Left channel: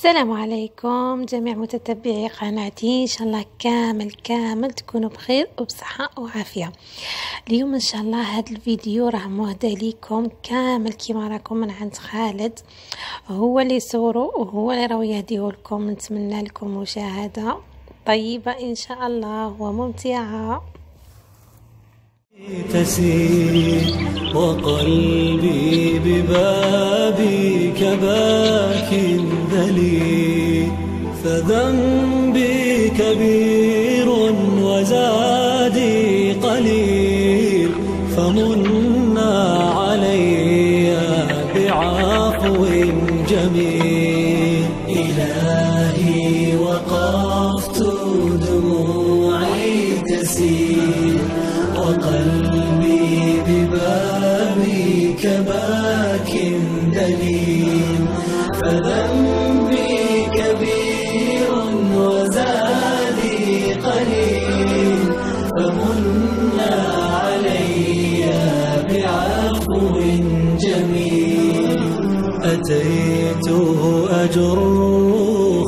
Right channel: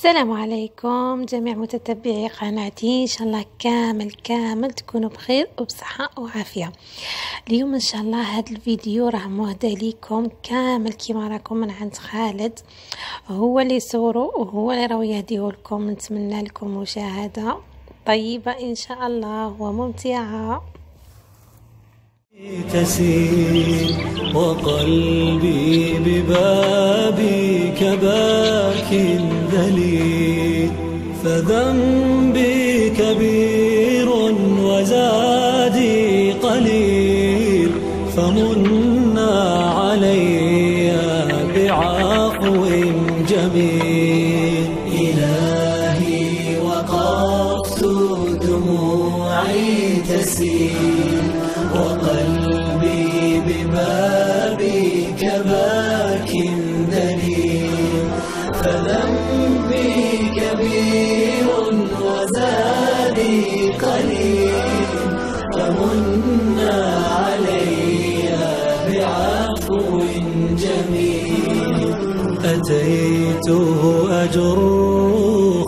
السلام عليكم جميع متتبعي قناتي، ان شاء الله كامل تكونوا بخير وبصحة وعافية. اليوم ان شاء الله هذا الفيديو راه مهدى ليكم كامل كيما راكم من عند خالد، هو اللي صورو وهو اللي راهو يهديه لكم. نتمنى لكم مشاهدة طيبة ان شاء الله وممتعة. تسير وقلبي ببابك باك ذليل، فذنبي كبير وزادي قليل، فمنا علي بعفو جميل. إلهي وقفت دموعي تسيل، وقلبي ببابك باك دليل، فذنبي كبير وزادي قليل، فمنا علي بعفو جميل. أتيت أجر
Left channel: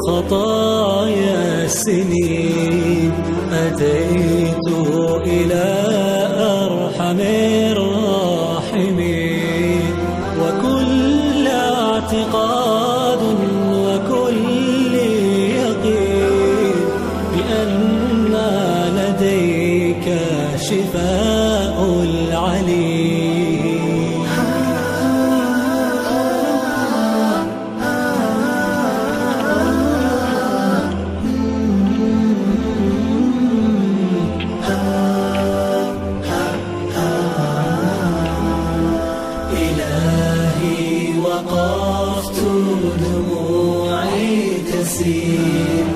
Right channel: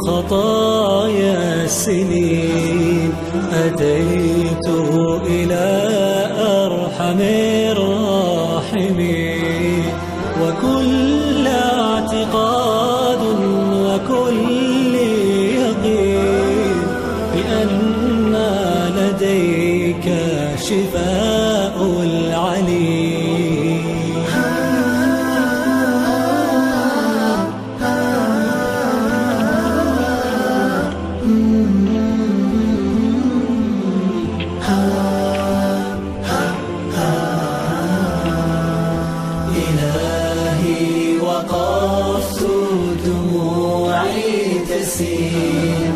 خطايا السنين، أتيت إلى أرحم الراحمين، وكل اعتقاد وكل يقين بأن لديك شفاء العليل. إلهي وقفت دموعي تسيل،